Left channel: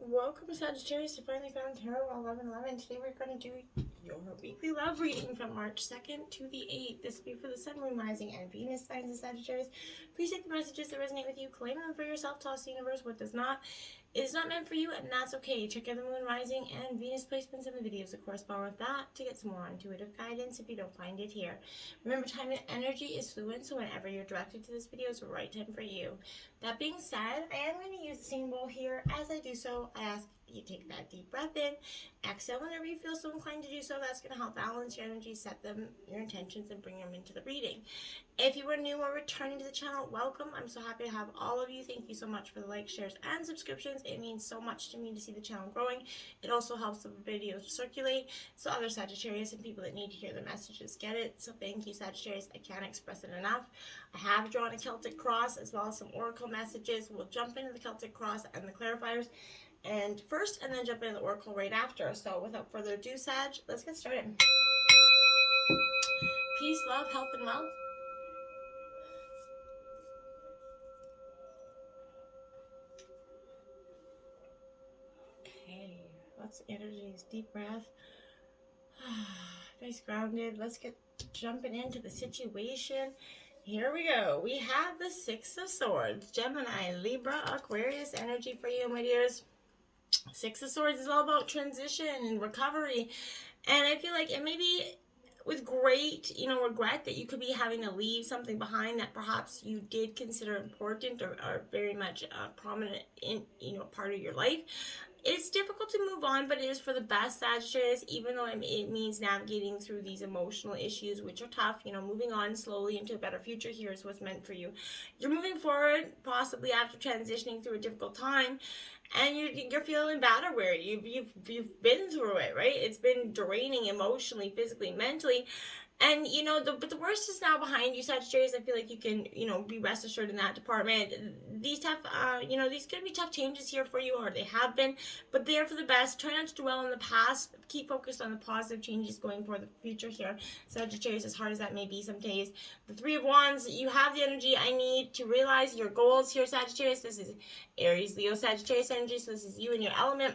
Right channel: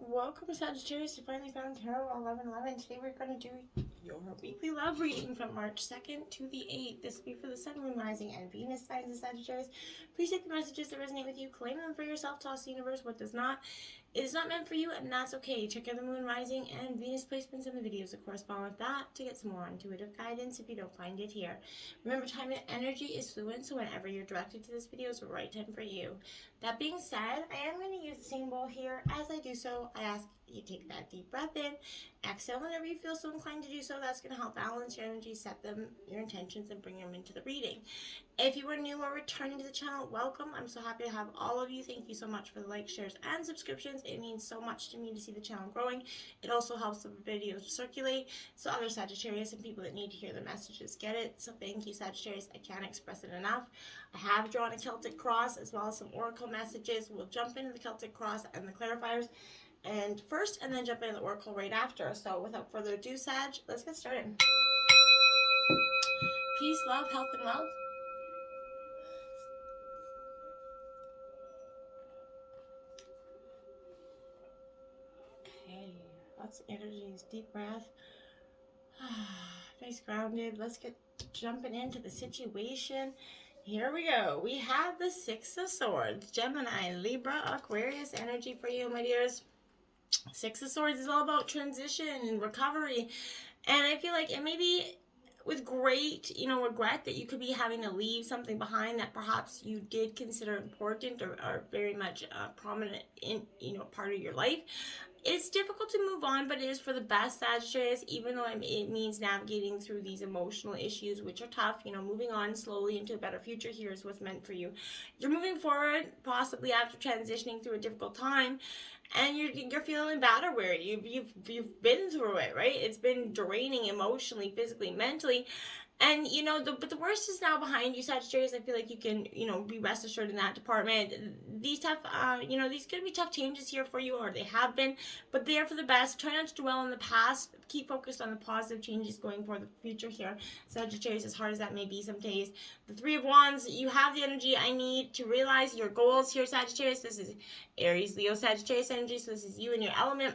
Welcome, Sagittarius. You finally found Tarot 1111. Today we're going to do your weekly love reading from March 2nd to the 8th. This will be for the Sun, Moon, Rising, and Venus signs of Sagittarius. Please take the messages that resonate with you, claim them for yourself, toss the universe what does not. It is not meant for you, and that's okay. Check out the Moon, Rising, and Venus placements in the videos that correspond with that to get some more intuitive guidance if you don't find it here. Remember, time and energy is fluid, so whenever you're directed to this video is the right time for you. That being said, I am going to use the same bowl here. As I do so, I ask you take that deep breath in, exhale whenever you feel so inclined to do so. That's going to help balance your energy, set them, your intentions, and bring them into the reading. If you are new or returning to the channel, welcome. I'm so happy to have all of you. Thank you so much for the likes, shares, and subscriptions. It means so much to me to see the channel growing. It also helps the videos circulate so other Sagittarius and people that need to hear the messages get it. So thank you, Sagittarius. I can't express it enough. I have drawn a Celtic cross as well as some oracle messages. We'll jump into the Celtic cross and the clarifiers and then jump into the oracle right after. So without further ado, Sag, let's get started. Peace, love, health, and wealth. Okay, lots of energies, deep breath. Nice grounded. Let's get jumping into the situation. Here we go. We have the Six of Swords, Gemini, Libra, Aquarius energy for you, my dears. Six of Swords is all about transition and recovery. And I feel like it may be with great, regret that you could be having to leave something behind that perhaps you did consider important or very much prominent in, part of your life. It's difficult to move on, but it is for the best, Sagittarius, even though it means navigating through these emotional issues, which are tough. Moving on slowly into a better future here is what's meant for you. You're moving forward, possibly after transitioning through a difficult time, and you're feeling bad or weary. You've been through it, right? It's been draining emotionally, physically, mentally. And, but the worst is now behind you, Sagittarius. I feel like you can, be rest assured in that department. These tough, these could be tough changes here for you, or they have been, but they're for the best. Try not to dwell on the past. Keep focused on the positive changes going for the future here, Sagittarius, as hard as that may be some days. The Three of Wands, you have the energy I need to realize your goals here, Sagittarius. This is Aries, Leo, Sagittarius energy, so this is you and your element.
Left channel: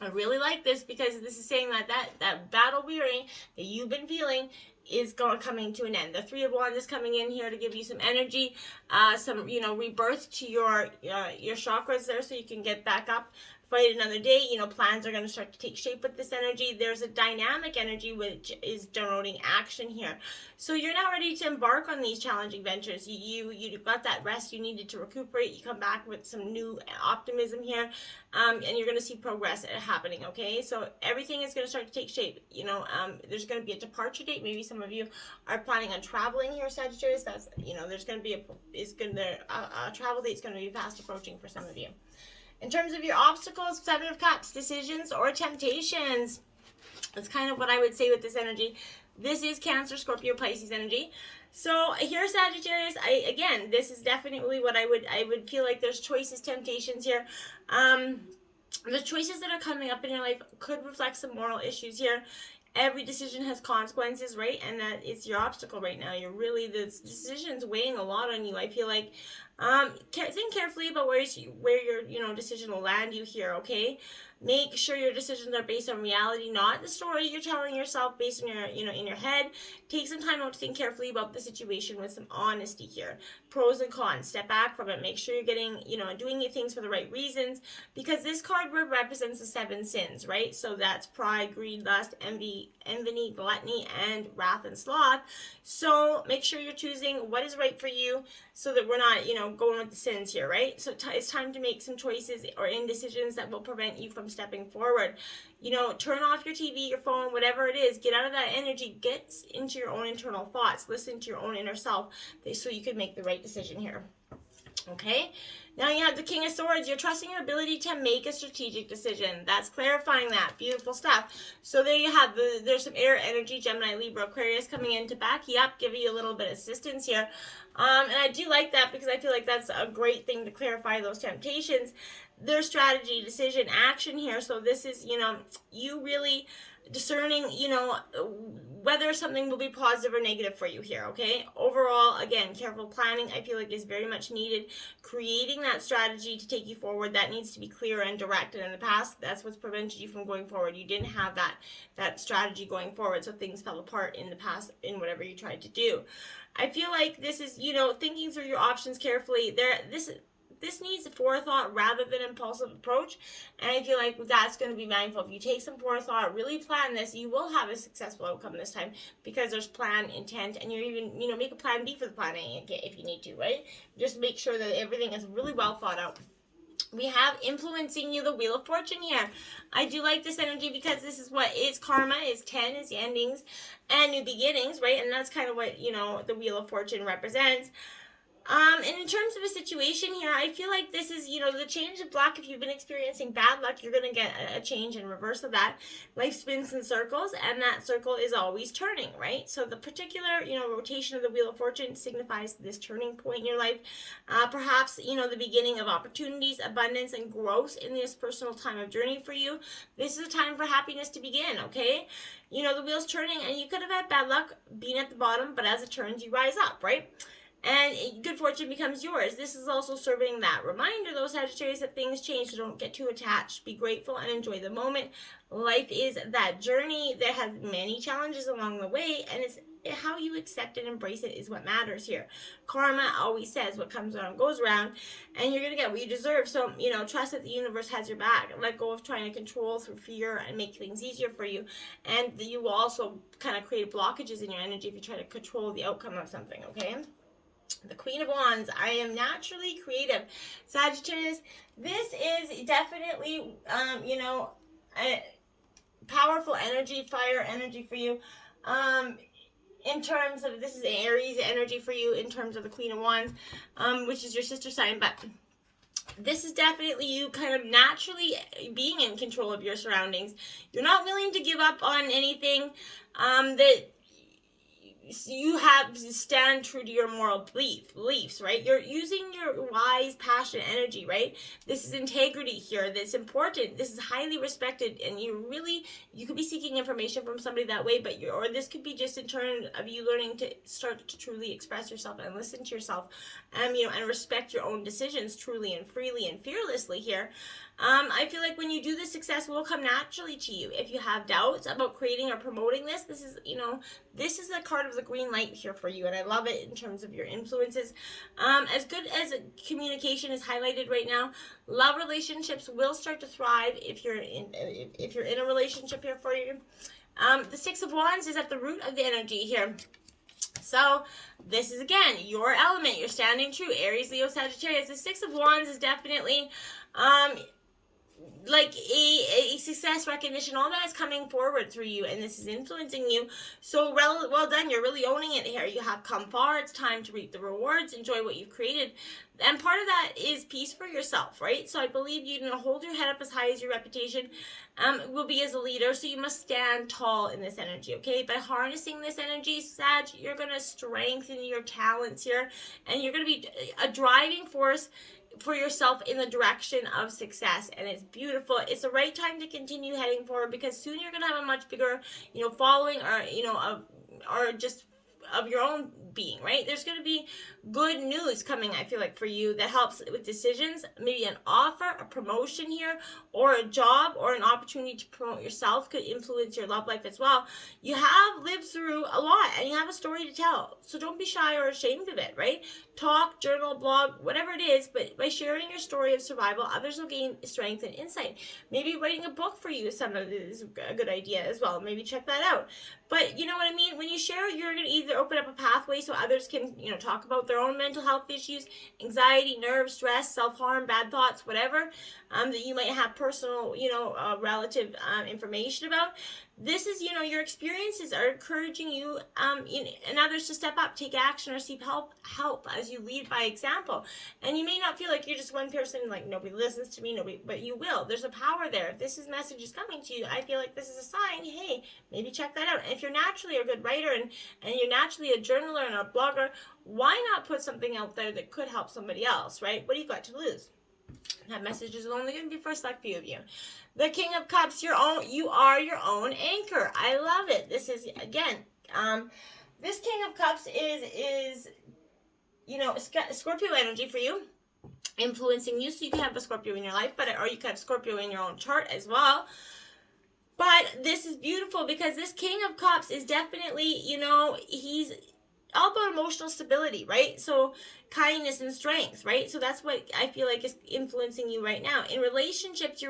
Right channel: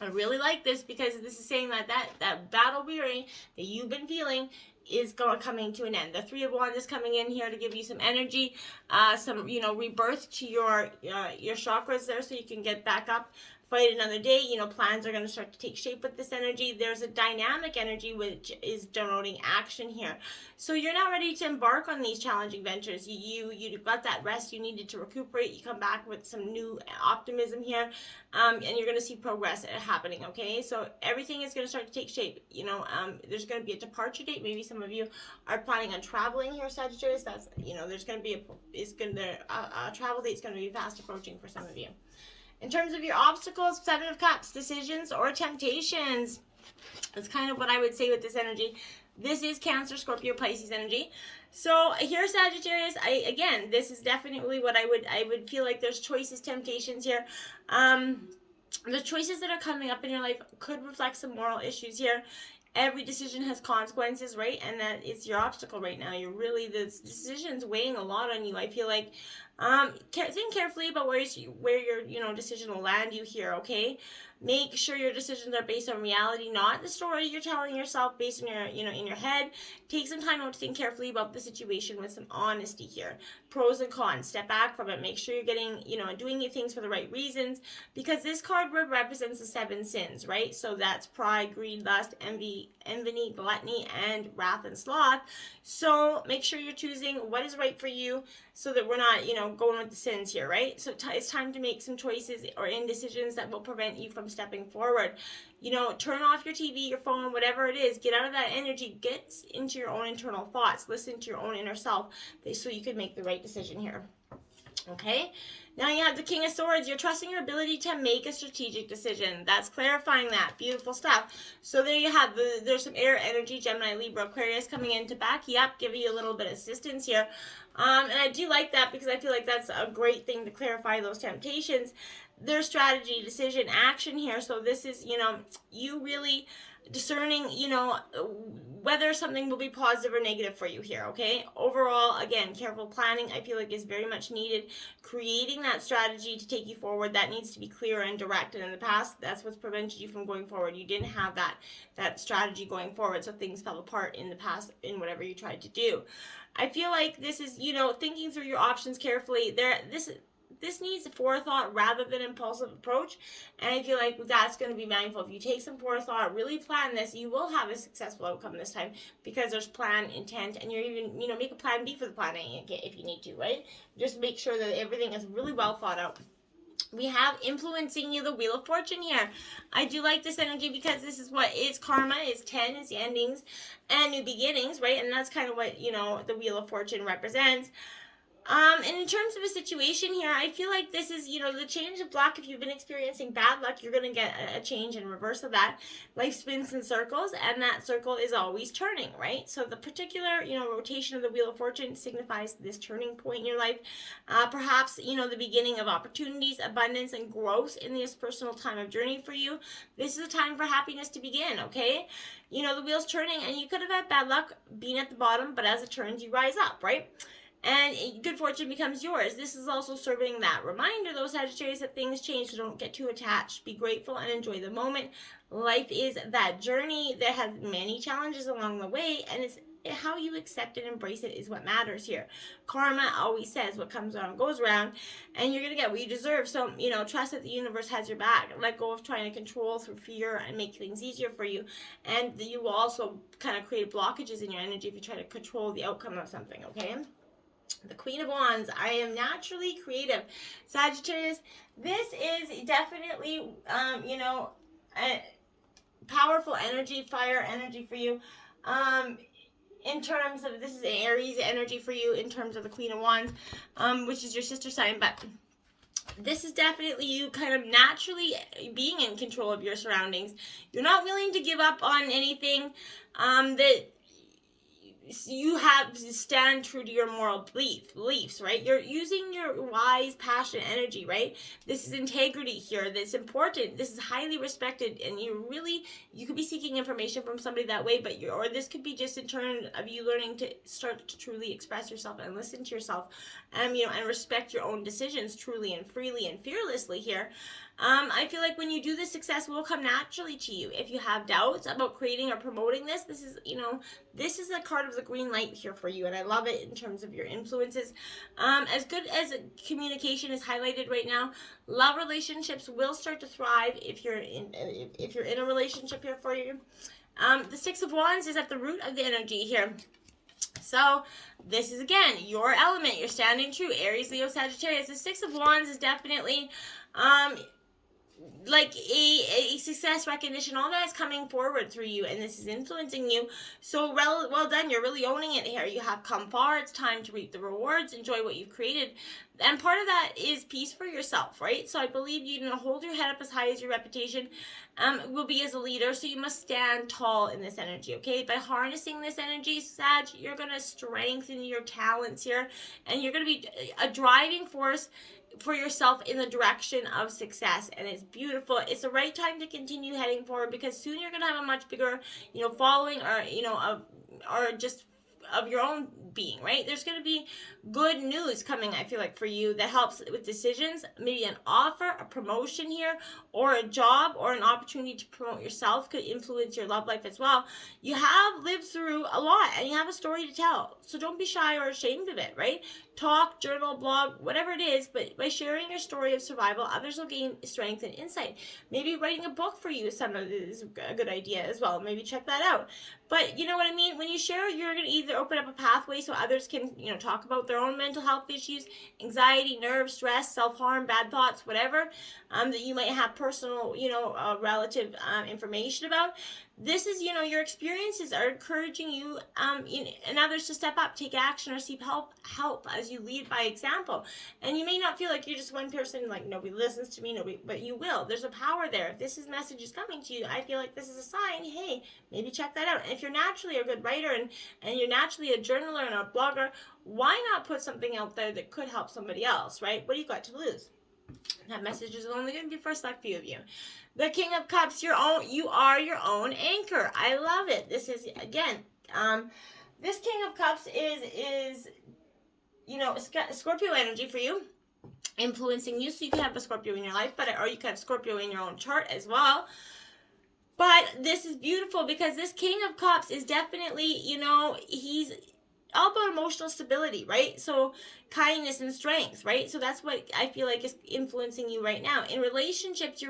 I really like this because this is saying that battle weary that you've been feeling is coming to an end. The Three of Wands is coming in here to give you some energy, some rebirth to your chakras there, so you can get back up, fight another day. Plans are going to start to take shape with this energy. There's a dynamic energy which is denoting action here. So you're now ready to embark on these challenging ventures. You got that rest you needed to recuperate. You come back with some new optimism here, and you're going to see progress happening, okay? So everything is going to start to take shape. There's going to be a departure date. Maybe some of you are planning on traveling here, Sagittarius. That's, there's going to be a travel date's going to be fast approaching for some of you. In terms of your obstacles, Seven of Cups, decisions or temptations. That's kind of what I would say with this energy. This is Cancer, Scorpio, Pisces energy. So here, Sagittarius, this is definitely what I would feel like there's choices, temptations here. The choices that are coming up in your life could reflect some moral issues here. Every decision has consequences, right? And that is your obstacle right now. The decision's weighing a lot on you. I feel like think carefully about where your decision will land you here, okay? Make sure your decisions are based on reality, not the story you're telling yourself based on your, in your head. Take some time out to think carefully about the situation with some honesty here. Pros and cons. Step back from it. Make sure you're getting, doing things for the right reasons, because this card represents the 7 sins, right? So that's pride, greed, lust, envy, gluttony, and wrath and sloth. So make sure you're choosing what is right for you so that we're not, going with the sins here, right? So it's time to make some choices or indecisions that will prevent you from stepping forward. Turn off your TV, your phone, whatever it is. Get out of that energy. Get into your own internal thoughts. Listen to your own inner self so you can make the right decision here. Okay? Now you have the King of Swords. You're trusting your ability to make a strategic decision. That's clarifying that. Beautiful stuff. So there you have, there's some air energy, Gemini, Libra, Aquarius coming in to back you up, giving you a little bit of assistance here. And I do like that because I feel like that's a great thing to clarify those temptations. There's strategy, decision, action here. So this is, you really discerning, you know, whether something will be positive or negative for you here, okay? Overall, again, careful planning, I feel like, is very much needed. Creating that strategy to take you forward, that needs to be clear and direct. And in the past, that's what's prevented you from going forward. You didn't have that strategy going forward, so things fell apart in the past in whatever you tried to do. I feel like this is, you know, thinking through your options carefully. This needs forethought rather than impulsive approach, and I feel like that's going to be mindful. If you take some forethought, really plan this, you will have a successful outcome this time, because there's plan, intent, and you're even, you know, make a plan B for the plan A if you need to, right? Just make sure that everything is really well thought out. We have influencing you, the Wheel of Fortune here. I do like this energy because this is what is karma, is 10, is the endings and new beginnings, right? And that's kind of what, you know, the Wheel of Fortune represents. And in terms of a situation here, I feel like this is, you know, the change of luck. If you've been experiencing bad luck, you're going to get a change in reverse of that. Life spins in circles, and that circle is always turning, right? So the particular, you know, rotation of the Wheel of Fortune signifies this turning point in your life. Perhaps, you know, the beginning of opportunities, abundance, and growth in this personal time of journey for you. This is a time for happiness to begin, okay? You know, the wheel's turning, and you could have had bad luck being at the bottom, but as it turns, you rise up, right? And good fortune becomes yours. This is also serving that reminder, those Sagittarius, that things change, so don't get too attached. Be grateful and enjoy the moment. Life is that journey that has many challenges along the way, and it's how you accept and embrace it is what matters here. Karma always says what comes around goes around, and you're going to get what you deserve. So, you know, trust that the universe has your back. Let go of trying to control through fear and make things easier for you. And you will also kind of create blockages in your energy if you try to control the outcome of something, okay? The Queen of Wands. I am naturally creative. Sagittarius, this is definitely, you know, a powerful energy, fire energy for you. In terms of, this is Aries energy for you in terms of the Queen of Wands, which is your sister sign, but this is definitely you kind of naturally being in control of your surroundings. You're not willing to give up on anything that you have to stand true to your moral beliefs, right? You're using your wise, passionate energy, right? This is integrity here. That's important. This is highly respected, and you could be seeking information from somebody that way, but or this could be just in turn of you learning to start to truly express yourself and listen to yourself, you know, and respect your own decisions truly and freely and fearlessly here. I feel like when you do this, success will come naturally to you. If you have doubts about creating or promoting this, this is, you know, this is a card of the green light here for you, and I love it in terms of your influences. As good as communication is highlighted right now, love relationships will start to thrive if you're in a relationship here for you. The Six of Wands is at the root of the energy here. So this is, again, your element. You're standing true. Aries, Leo, Sagittarius. The Six of Wands is definitely like a success recognition. All that is coming forward through you, and this is influencing you. So well done. You're really owning it here. You have come far. It's time to reap the rewards. Enjoy what you've created. And part of that is peace for yourself, right? So I believe you know, hold your head up as high as your reputation will be as a leader. So you must stand tall in this energy, okay? By harnessing this energy, Sag, you're going to strengthen your talents here, and you're going to be a driving force for yourself in the direction of success, and it's beautiful. It's the right time to continue heading forward, because soon you're going to have a much bigger, you know, following, or, you know, or just of your own being, right? There's going to be good news coming, I feel like, for you that helps with decisions. Maybe an offer, a promotion here, or a job, or an opportunity to promote yourself could influence your love life as well. You have lived through a lot, and you have a story to tell, so don't be shy or ashamed of it, right? Talk, journal, blog, whatever it is, but by sharing your story of survival, others will gain strength and insight. Maybe writing a book for you is a good idea as well. Maybe check that out. But you know what I mean? When you share, you're going to either open up a pathway so others can, you know, talk about their own mental health issues, anxiety, nerves, stress, self-harm, bad thoughts, whatever, that you might have personal, you know, relative information about. This is, you know, your experiences are encouraging you, and others to step up, take action, or seek help as you lead by example. And you may not feel like you're just one person, like nobody listens to me, but you will. There's a power there. If this message is coming to you, I feel like this is a sign. Hey, maybe check that out. And if you're naturally a good writer and you're naturally a journaler and a blogger, why not put something out there that could help somebody else, right? What do you got to lose? That message is only going to be for a select few of you. The King of Cups, you are your own anchor. I love it. This is, again, this King of Cups is Scorpio energy for you, influencing you. So you can have a Scorpio in your life, or you can have Scorpio in your own chart as well. But this is beautiful because this King of Cups is definitely, he's all about emotional stability, right? So kindness and strength, right? So that's what I feel like is influencing you right now. In relationships,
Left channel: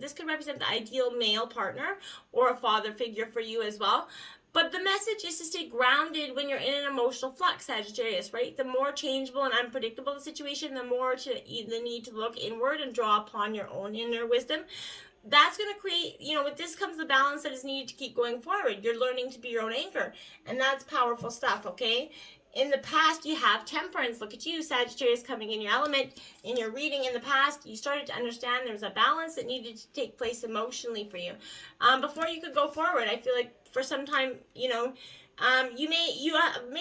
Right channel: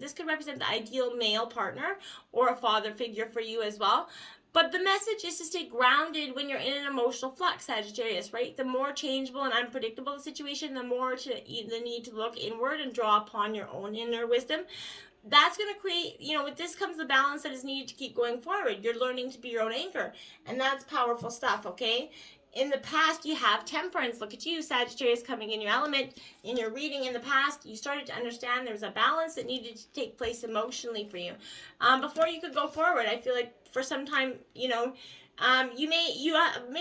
this could represent the ideal male partner or a father figure for you as well. But the message is to stay grounded when you're in an emotional flux, Sagittarius, right? The more changeable and unpredictable the situation, the more the need to look inward and draw upon your own inner wisdom. That's going to create, with this comes the balance that is needed to keep going forward. You're learning to be your own anchor, and that's powerful stuff, okay? In the past, you have temperance. Look at you, Sagittarius, coming in your element. In your reading in the past, you started to understand there was a balance that needed to take place emotionally for you. Before you could go forward, I feel like for some time, you may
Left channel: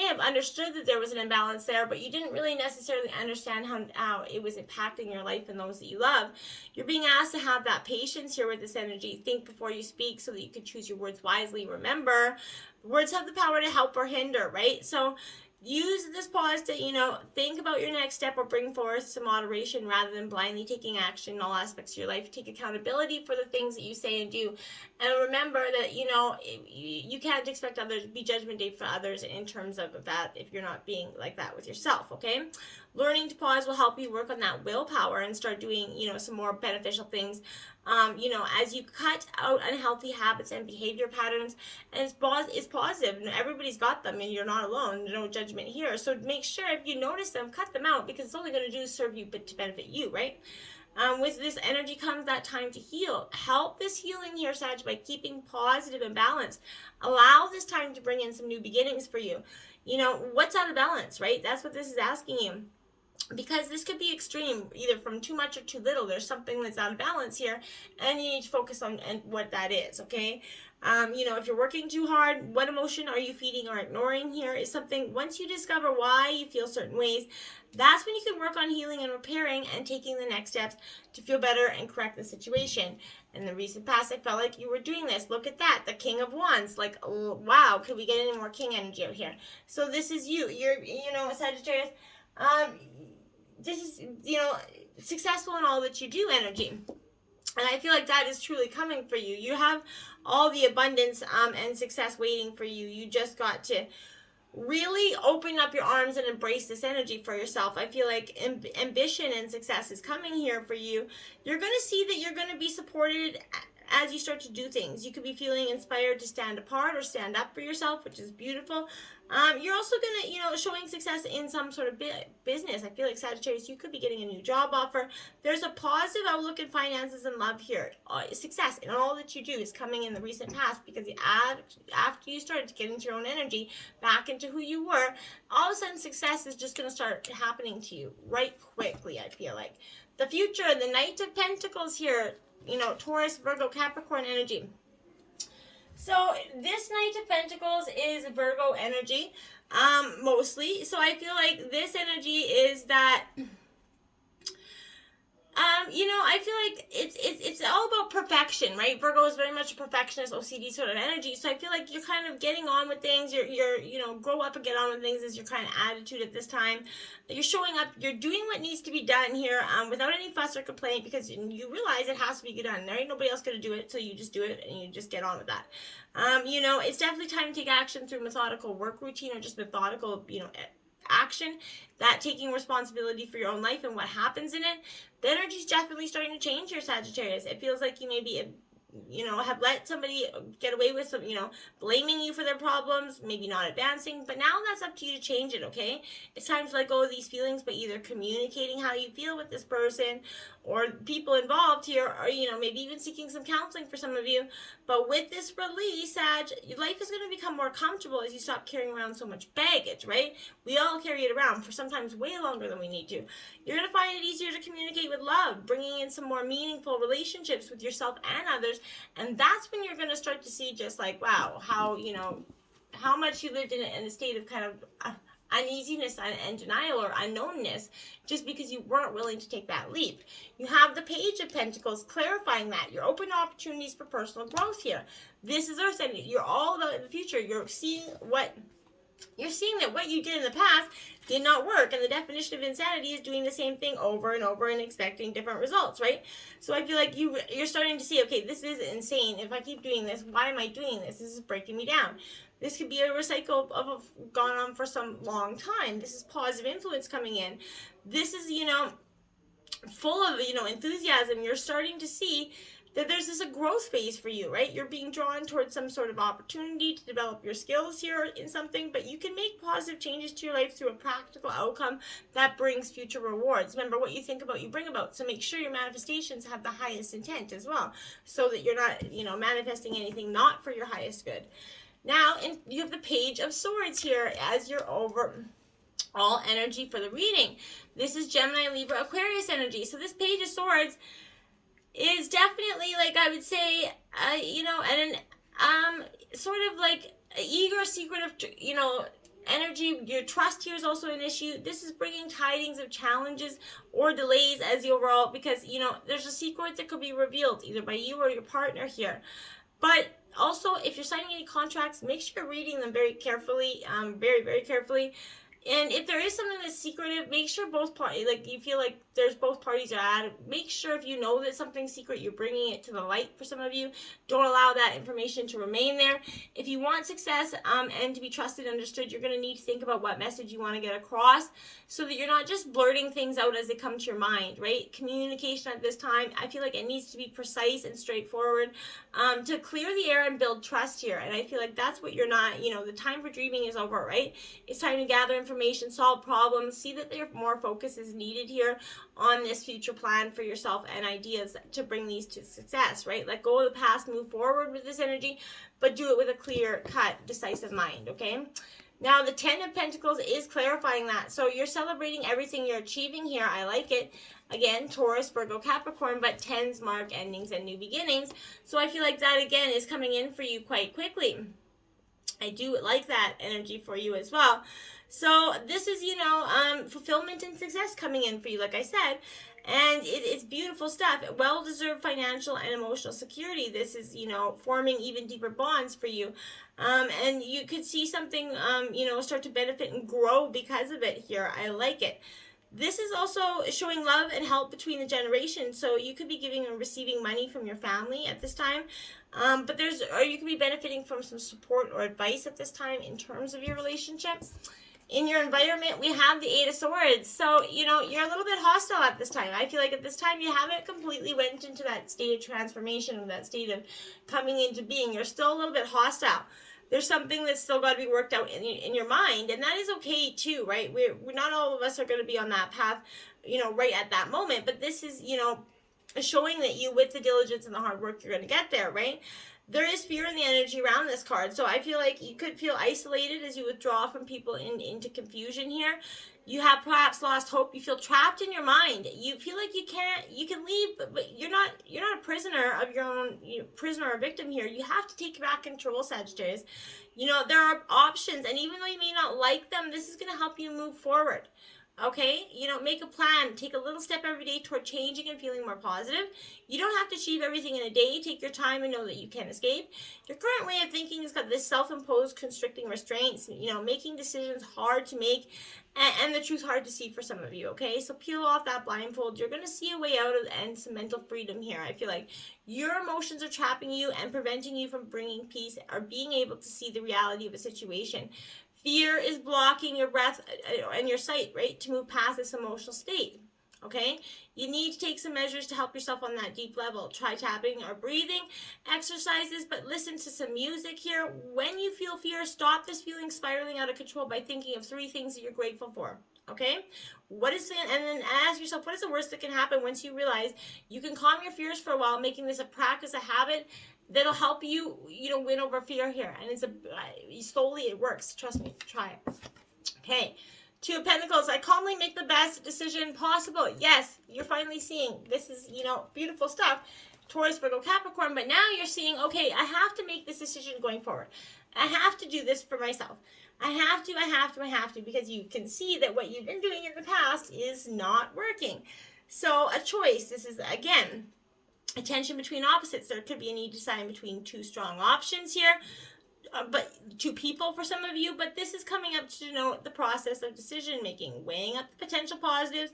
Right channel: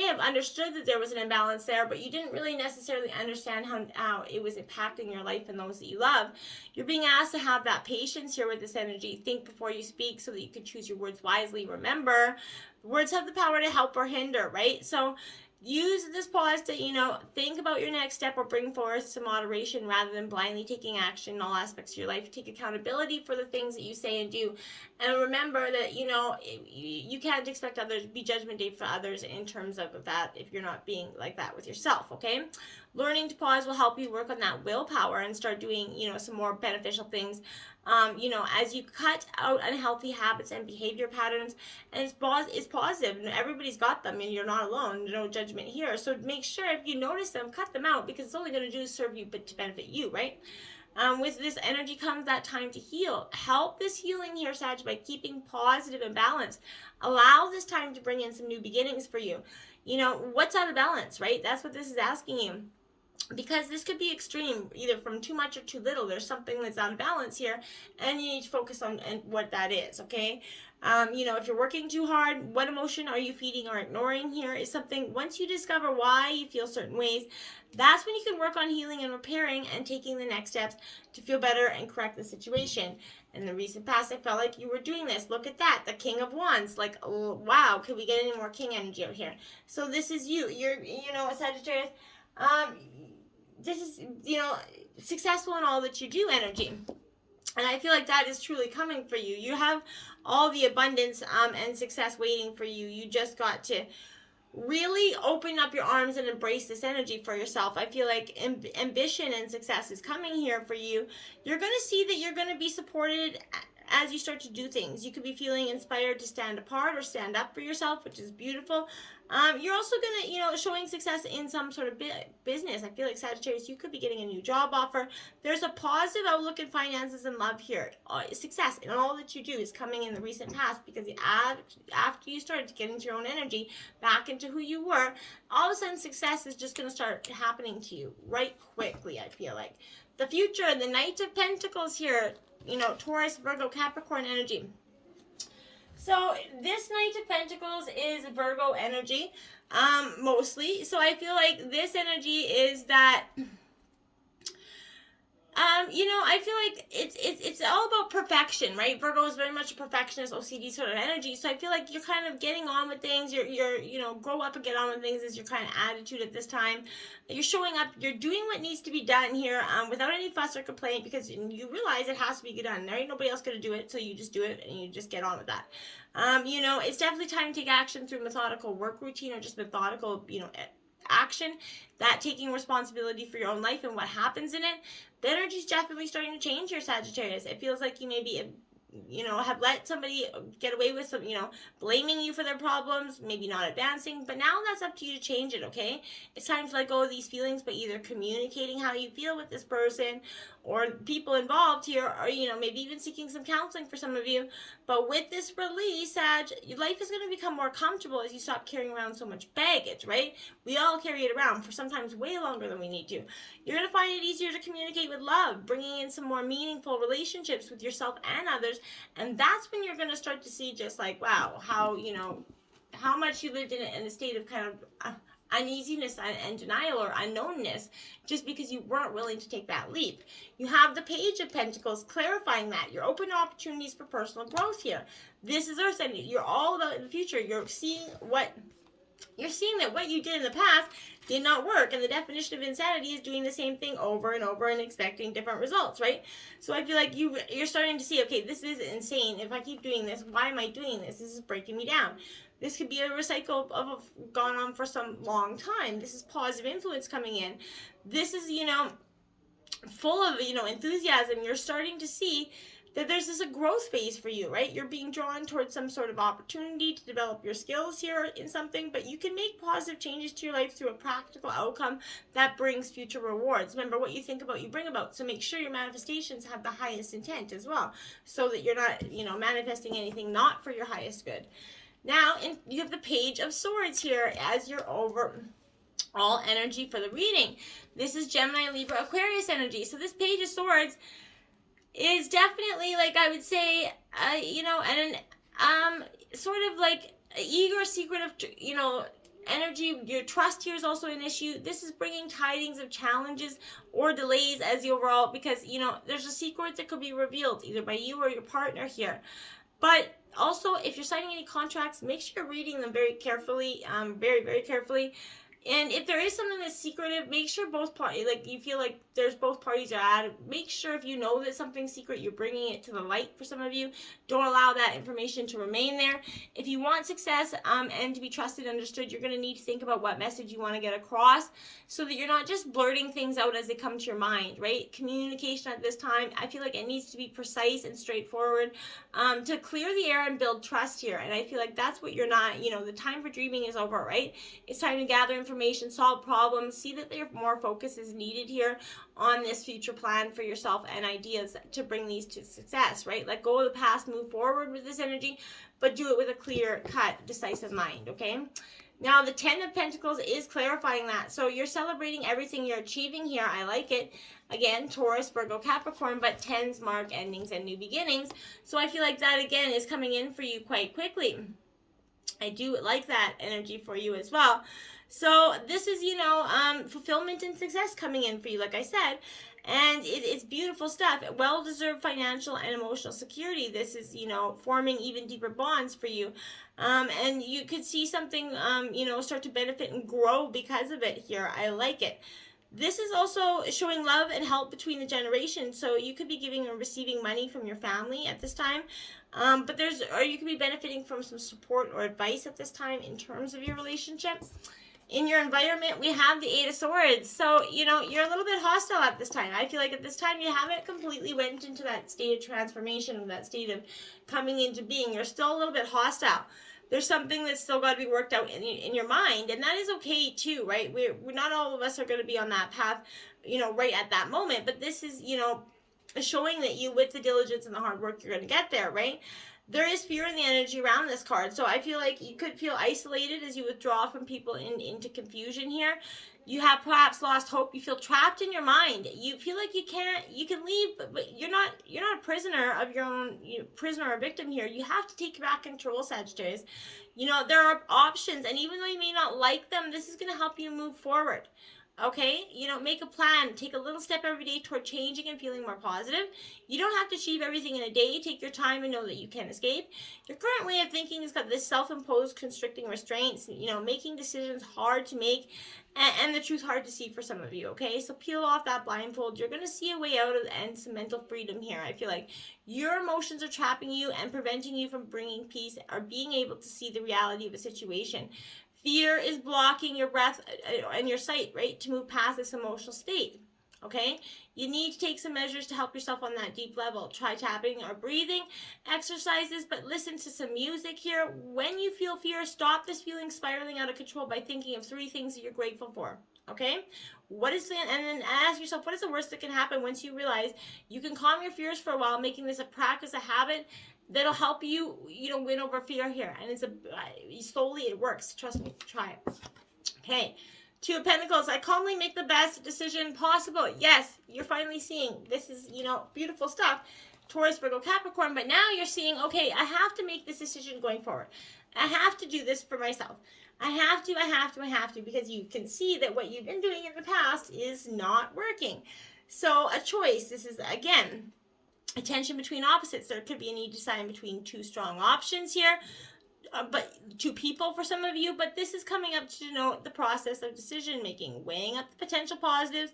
have understood that there was an imbalance there, but you didn't really necessarily understand how it was impacting your life and those that you love. You're being asked to have that patience here with this energy. Think before you speak so that you can choose your words wisely. Remember, words have the power to help or hinder, right? So use this pause to, think about your next step or bring forth some moderation rather than blindly taking action in all aspects of your life. Take accountability for the things that you say and do. And remember that, you can't expect others, be judgment day for others in terms of that if you're not being like that with yourself, okay? Learning to pause will help you work on that willpower and start doing, some more beneficial things. As you cut out unhealthy habits and behavior patterns, and it's positive, and everybody's got them, and you're not alone. No judgment here. So make sure if you notice them, cut them out, because it's only going to do serve you, but to benefit you, right? With this energy comes that time to heal. Help this healing here, Sag, by keeping positive and balanced. Allow this time to bring in some new beginnings for you. What's out of balance, right? That's what this is asking you. Because this could be extreme, either from too much or too little. There's something that's out of balance here, and you need to focus on what that is, okay? If you're working too hard, what emotion are you feeding or ignoring here is something, once you discover why you feel certain ways, that's when you can work on healing and repairing and taking the next steps to feel better and correct the situation. In the recent past, I felt like you were doing this. Look at that, the King of Wands. Like, oh, wow, could we get any more King energy out here? So this is you. You're, Sagittarius, this is, successful in all that you do energy. And I feel like that is truly coming for you. You have all the abundance and success waiting for you. You just got to really open up your arms and embrace this energy for yourself. I feel like ambition and success is coming here for you. You're going to see that you're going to be supported as you start to do things. You could be feeling inspired to stand apart or stand up for yourself, which is beautiful. You're also going to, showing success in some sort of business. I feel like Sagittarius, you could be getting a new job offer. There's a positive outlook in finances and love here. Success in all that you do is coming in the recent past, because after you started to get into your own energy, back into who you were, all of a sudden success is just going to start happening to you right quickly, I feel like. The future, the Knight of Pentacles here, Taurus, Virgo, Capricorn energy. So this Knight of Pentacles is Virgo energy, mostly. So I feel like this energy is that, I feel like it's all about perfection, right? Virgo is very much a perfectionist, OCD sort of energy. So I feel like you're kind of getting on with things. You're grow up and get on with things is your kind of attitude at this time. You're showing up. You're doing what needs to be done here, without any fuss or complaint, because you realize it has to be done. There ain't nobody else going to do it, so you just do it and you just get on with that. It's definitely time to take action through methodical work routine, or just methodical, action, that taking responsibility for your own life and what happens in it. The energy's definitely starting to change here, Sagittarius. It feels like you maybe, have let somebody get away with some, blaming you for their problems, maybe not advancing, but now that's up to you to change it, okay? It's time to let go of these feelings by either communicating how you feel with this person or people involved here, or, maybe even seeking some counseling for some of you. But with this release, Sag, your life is going to become more comfortable as you stop carrying around so much baggage, right? We all carry it around for sometimes way longer than we need to. You're going to find it easier to communicate with love, bringing in some more meaningful relationships with yourself and others. And that's when you're going to start to see just like, wow, how much you lived in a state of kind of uneasiness and denial or unknownness just because you weren't willing to take that leap. You have the Page of Pentacles clarifying that. You're open to opportunities for personal growth here. This is our saying. You're all about the future. You're seeing that what you did in the past did not work, and the definition of insanity is doing the same thing over and over and expecting different results, right? So I feel like you're starting to see, okay, this is insane. If I keep doing this, why am I doing this? This is breaking me down. This could be a recycle of gone on for some long time. This is positive influence coming in. This is, full of, enthusiasm. You're starting to see that there's a growth phase for you, right? You're being drawn towards some sort of opportunity to develop your skills here in something, but you can make positive changes to your life through a practical outcome that brings future rewards. Remember, what you think about, you bring about. So make sure your manifestations have the highest intent as well, so that you're not, manifesting anything not for your highest good. Now, you have the Page of Swords here as your overall energy for the reading. This is Gemini, Libra, Aquarius energy. So this Page of Swords is definitely, like, I would say, sort of like eager, secretive, energy. Your trust here is also an issue. This is bringing tidings of challenges or delays as the overall, because, there's a secret that could be revealed either by you or your partner here. But also, if you're signing any contracts, make sure you're reading them very carefully, very, very carefully. And if there is something that's secretive, make sure both parties, like, you feel like there's both parties are at it. Make sure if you know that something's secret, you're bringing it to the light for some of you. Don't allow that information to remain there. If you want success and to be trusted and understood, you're going to need to think about what message you want to get across, so that you're not just blurting things out as they come to your mind, right? Communication at this time, I feel like it needs to be precise and straightforward to clear the air and build trust here. And I feel like that's what you're not, the time for dreaming is over, right? It's time to gather information, solve problems, see that there more focus is needed here on this future plan for yourself and ideas to bring these to success, right? Let go of the past, move forward with this energy, but do it with a clear-cut, decisive mind, okay? Now, the Ten of Pentacles is clarifying that. So you're celebrating everything you're achieving here. I like it. Again, Taurus, Virgo, Capricorn, but tens mark endings and new beginnings. So I feel like that, again, is coming in for you quite quickly. I do like that energy for you as well. So this is, fulfillment and success coming in for you, like I said. And it's beautiful stuff. Well-deserved financial and emotional security. This is, forming even deeper bonds for you. And you could see something, start to benefit and grow because of it here. I like it. This is also showing love and help between the generations. So you could be giving or receiving money from your family at this time. But you could be benefiting from some support or advice at this time in terms of your relationships. In your environment, we have the Eight of Swords. So, you're a little bit hostile at this time. I feel like at this time you haven't completely went into that state of transformation, that state of coming into being. You're still a little bit hostile. There's something that's still got to be worked out in your mind, and that is okay too, right? We're not all of us are going to be on that path, right at that moment. But this is, showing that you, with the diligence and the hard work, you're going to get there, right? There is fear in the energy around this card. So I feel like you could feel isolated as you withdraw from people into confusion here. You have perhaps lost hope. You feel trapped in your mind. You feel like you can leave, but you're not a prisoner of your own, prisoner or victim here. You have to take back control, Sagittarius. There are options, and even though you may not like them, this is going to help you move forward. Okay, make a plan. Take a little step every day toward changing and feeling more positive. You don't have to achieve everything in a day. Take your time and know that you can escape. Your current way of thinking has got this self-imposed constricting restraints, making decisions hard to make, and the truth hard to see for some of you, okay? So peel off that blindfold. You're going to see a way out of and some mental freedom here. I feel like your emotions are trapping you and preventing you from bringing peace or being able to see the reality of a situation. Fear is blocking your breath and your sight, right, to move past this emotional state, okay? You need to take some measures to help yourself on that deep level. Try tapping or breathing exercises, but listen to some music here. When you feel fear, stop this feeling spiraling out of control by thinking of 3 things that you're grateful for, okay? And then ask yourself, what is the worst that can happen once you realize you can calm your fears for a while, making this a practice, a habit, that'll help you, win over fear here. And slowly it works. Trust me, try it. Okay, Two of Pentacles. I calmly make the best decision possible. Yes, you're finally seeing this is, beautiful stuff. Taurus, Virgo, Capricorn. But now you're seeing, okay, I have to make this decision going forward. I have to do this for myself. I have to, because you can see that what you've been doing in the past is not working. So a choice, this is, again, a tension between opposites. There could be a need to decide between two strong options here, but two people for some of you, but this is coming up to denote the process of decision making, weighing up the potential positives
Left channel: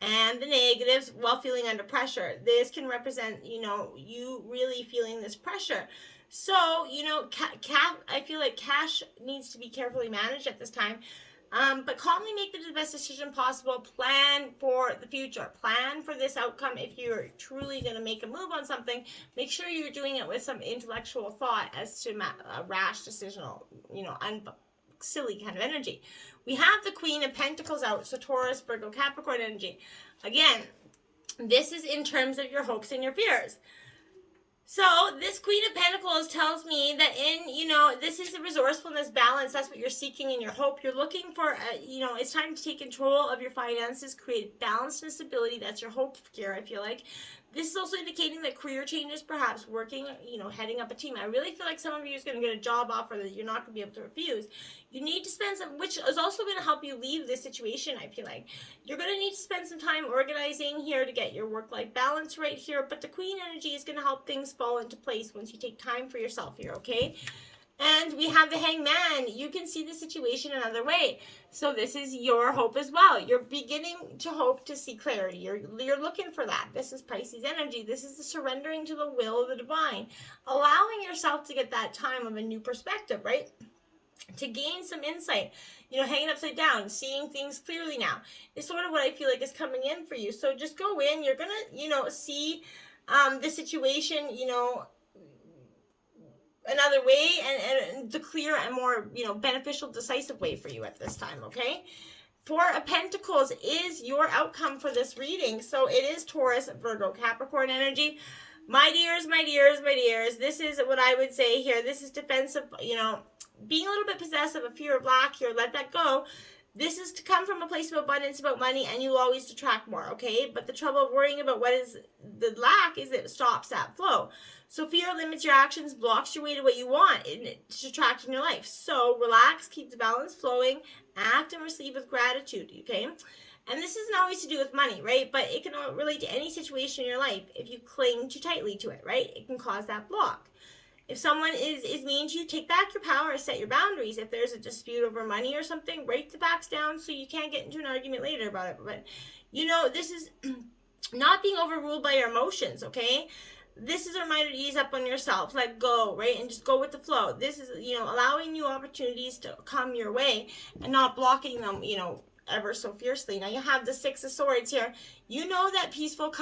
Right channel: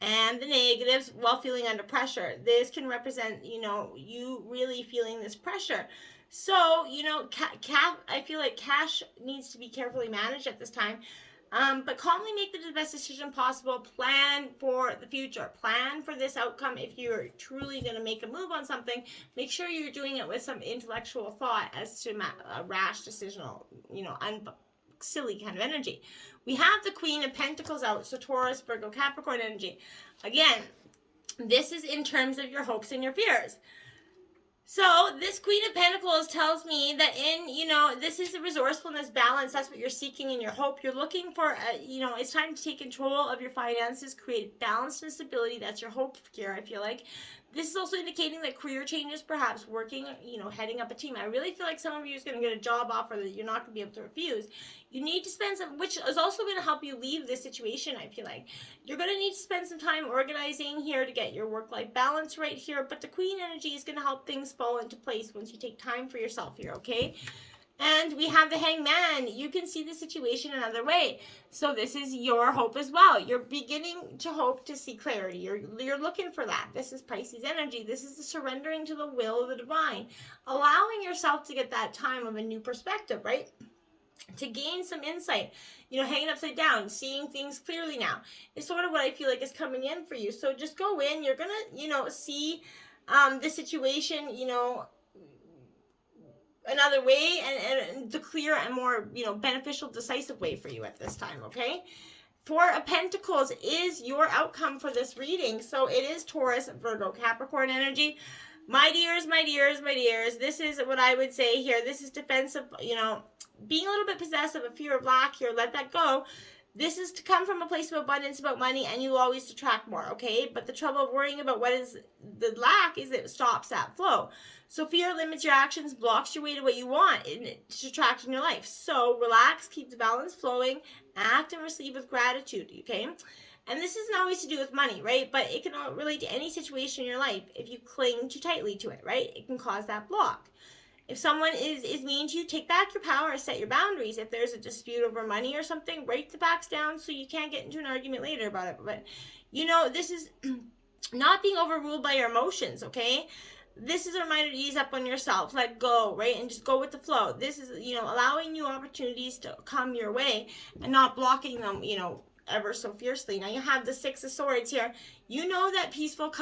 and the negatives while feeling under pressure. This can represent, you really feeling this pressure. So, I feel like cash needs to be carefully managed at this time. But calmly make the best decision possible. Plan for the future. Plan for this outcome. If you're truly going to make a move on something, make sure you're doing it with some intellectual thought as to a rash decisional, silly kind of energy. We have the Queen of Pentacles out, so Taurus, Virgo, Capricorn energy. Again, this is in terms of your hopes and your fears. So this Queen of Pentacles tells me that this is the resourcefulness, balance. That's what you're seeking in your hope. You're looking for, it's time to take control of your finances, create balance and stability. That's your hope here, I feel like. This is also indicating that career changes, perhaps working, heading up a team. I really feel like some of you is going to get a job offer that you're not going to be able to refuse. You need to spend some, which is also going to help you leave this situation, I feel like. You're going to need to spend some time organizing here to get your work-life balance right here. But the Queen energy is going to help things fall into place once you take time for yourself here, okay? And we have the Hangman. You can see the situation another way. So this is your hope as well. You're beginning to hope to see clarity. You're looking for that. This is Pisces energy. This is the surrendering to the will of the divine. Allowing yourself to get that time of a new perspective, right? To gain some insight. Hanging upside down, seeing things clearly now is sort of what I feel like is coming in for you. So just go in. You're going to, see the situation, another way and the clear and more, beneficial, decisive way for you at this time, okay? Four of Pentacles is your outcome for this reading. So it is Taurus, Virgo, Capricorn energy. My dears, this is what I would say here. This is defensive, being a little bit possessive, a fear of lack here. Let that go. This is to come from a place of abundance, about money, and you'll always attract more, okay? But the trouble of worrying about what is the lack is that it stops that flow. So fear limits your actions, blocks your way to what you want to attract in your life. So relax, keep the balance flowing, act and receive with gratitude, okay? And this isn't always to do with money, right? But it can relate to any situation in your life. If you cling too tightly to it, right? It can cause that block. If someone is mean to you, take back your power, set your boundaries. If there's a dispute over money or something, break the backs down so you can't get into an argument later about it. But, this is not being overruled by your emotions, okay? This is a reminder to ease up on yourself, let go, right? And just go with the flow. This is, allowing new opportunities to come your way and not blocking them, ever so fiercely. Now you have the Six of Swords here. You know that peaceful,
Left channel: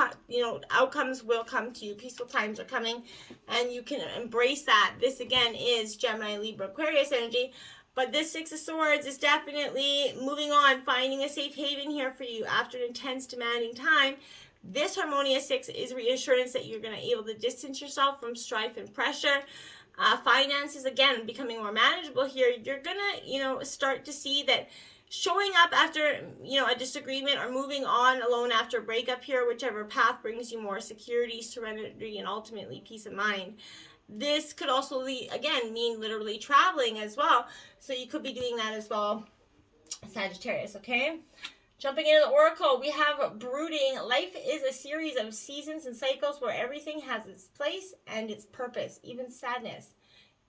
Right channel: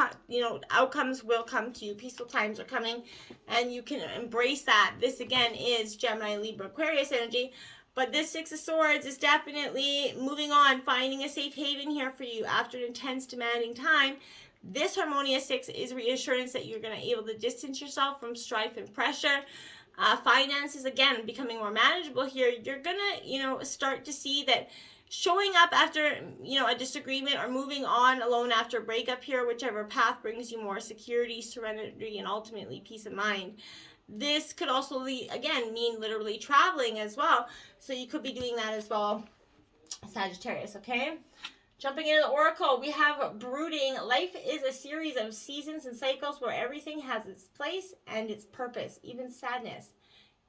outcomes will come to you. Peaceful times are coming and you can embrace that. This again is Gemini, Libra, Aquarius energy. But this Six of Swords is definitely moving on, finding a safe haven here for you after an intense, demanding time. This harmonious six is reassurance that you're going to be able to distance yourself from strife and pressure. Finances, again, becoming more manageable here. You're going to, start to see that showing up after, a disagreement or moving on alone after a breakup here, whichever path brings you more security, serenity, and ultimately peace of mind. This could also, again, mean literally traveling as well. So you could be doing that as well, Sagittarius, okay? Jumping into the Oracle, we have brooding. Life is a series of seasons and cycles where everything has its place and its purpose, even sadness,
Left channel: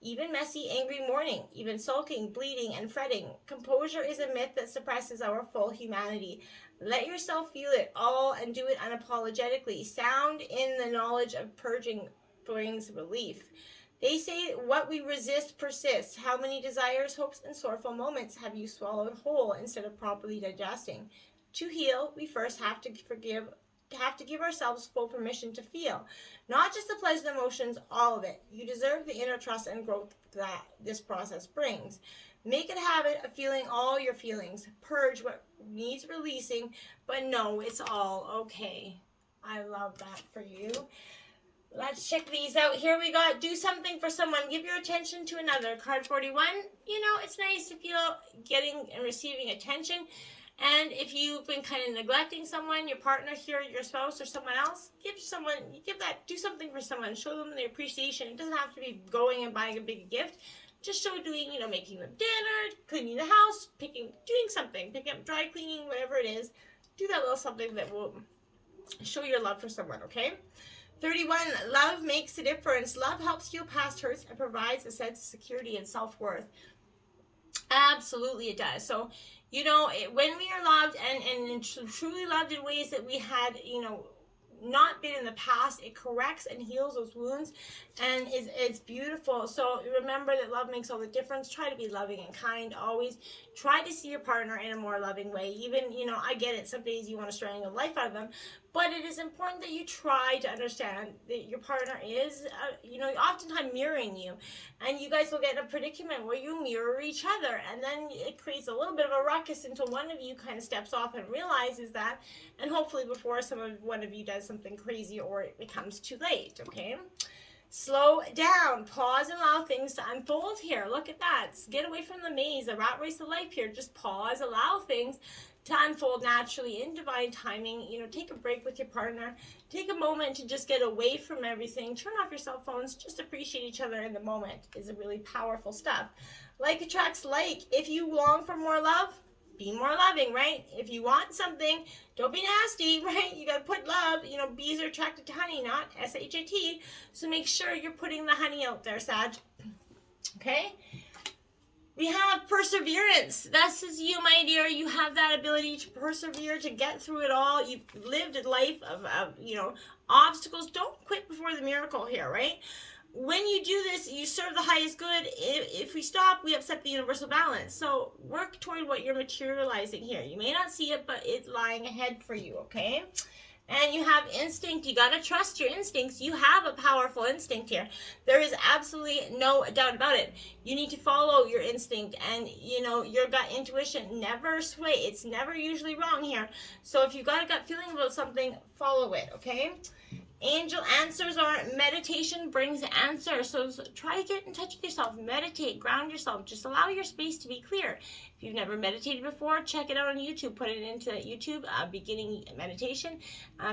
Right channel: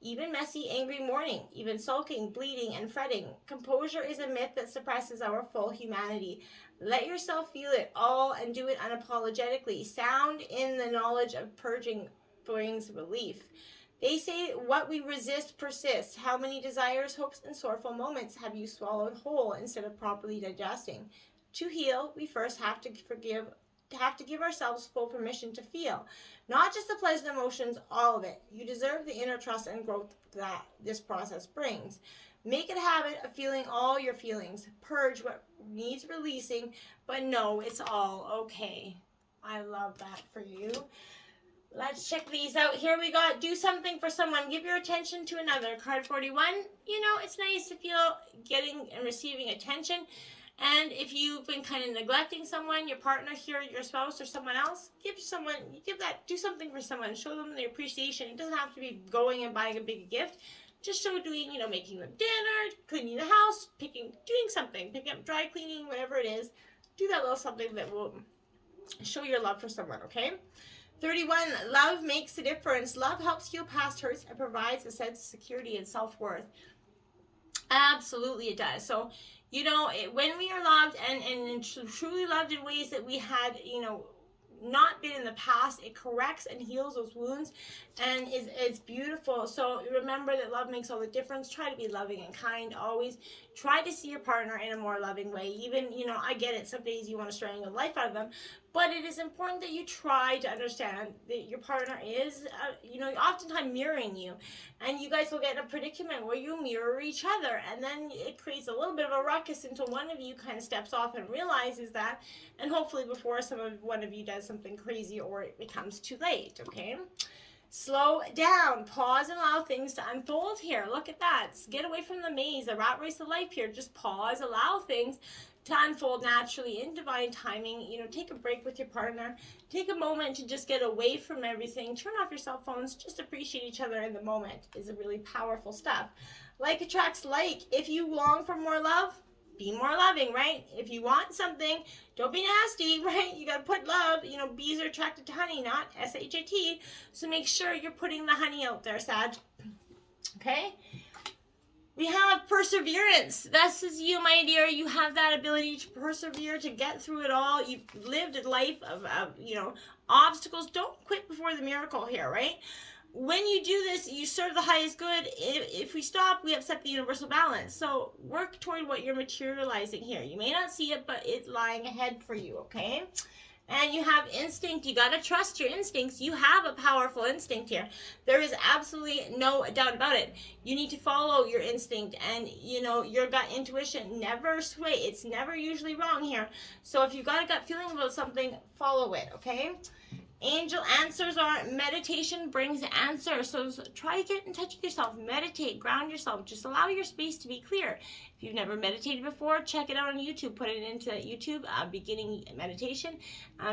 even messy, angry mourning, even sulking, bleeding, and fretting. Composure is a myth that suppresses our full humanity. Let yourself feel it all and do it unapologetically. Sound in the knowledge of purging brings relief. They say what we resist persists. How many desires, hopes, and sorrowful moments have you swallowed whole instead of properly digesting? To heal, we first have to give ourselves full permission to feel. Not just the pleasant emotions, all of it. You deserve the inner trust and growth that this process brings. Make it a habit of feeling all your feelings. Purge what needs releasing, but know it's all okay. I love that for you. Let's check these out. Here we got do something for someone. Give your attention to another. Card 41. It's nice to feel getting and receiving attention. And if you've been kind of neglecting someone, your partner here, your spouse, or someone else, do something for someone. Show them the appreciation. It doesn't have to be going and buying a big gift. Just show doing, you know, making them dinner, cleaning the house, doing something, picking up dry cleaning, whatever it is. Do that little something that will show your love for someone, okay? 31, love makes a difference. Love helps heal past hurts and provides a sense of security and self-worth. Absolutely it does. So, you know, when we are loved and truly loved in ways that we had, you know, not been in the past, it corrects and heals those wounds, and it's beautiful. So remember that love makes all the difference. Try to be loving and kind always. Try to see your partner in a more loving way. Even, you know, I get it, some days you want to strangle the life out of them, but it is important that you try to understand that your partner is, you know, oftentimes mirroring you, and you guys will get in a predicament where you mirror each other, and then it creates a little bit of a ruckus until one of you kind of steps off and realizes that, and hopefully before one of you does something crazy or it becomes too late, okay? Slow down, pause, and allow things to unfold here. Look at that. Get away from the maze, the rat race of life here. Just pause, allow things to unfold naturally in divine timing. You know, take a break with your partner. Take a moment to just get away from everything. Turn off your cell phones. Just appreciate each other in the moment is a really powerful stuff. Like attracts like. If you long for more love, be more loving, right? If you want something, don't be nasty, right? You got to put love. You know, bees are attracted to honey, not S-H-A-T. So make sure you're putting the honey out there, Sag. Okay? We have perseverance. This is you, my dear. You have that ability to persevere, to get through it all. You've lived a life of you know, obstacles. Don't quit before the miracle here, right? When you do this, you serve the highest good. If we stop, we upset the universal balance. So work toward what you're materializing here. You may not see it, but it's lying ahead for you, okay? And you have instinct. You got to trust your instincts. You have a powerful instinct here. There is absolutely no doubt about it. You need to follow your instinct, and, you know, your gut intuition never sway. It's never usually wrong here. So if you've got a gut feeling about something, follow it, okay? Angel answers are meditation brings answers. So try to get in touch with yourself. Meditate, ground yourself. Just allow your space to be clear. If you've never meditated before, check it out on YouTube. Put it into YouTube, beginning meditation.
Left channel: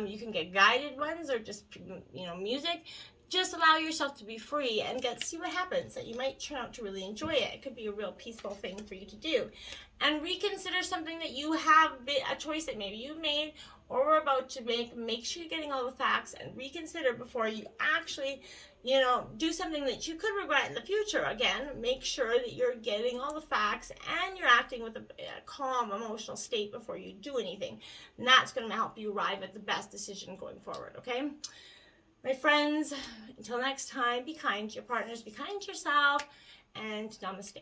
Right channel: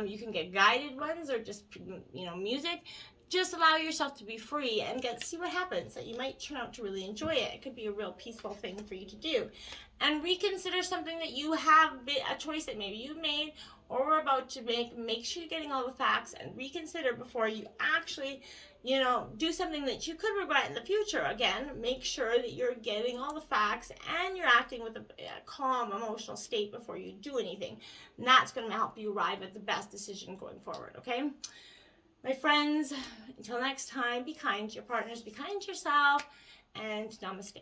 You can get guided ones or just, you know, music. Just allow yourself to be free and see what happens. That you might turn out to really enjoy it. It could be a real peaceful thing for you to do. And reconsider something that you have, a choice that maybe you made or we're about to make. Make sure you're getting all the facts and reconsider before you actually, you know, do something that you could regret in the future. Again, make sure that you're getting all the facts and you're acting with a calm emotional state before you do anything. And that's going to help you arrive at the best decision going forward, okay? My friends, until next time, be kind to your partners, be kind to yourself, and namaste.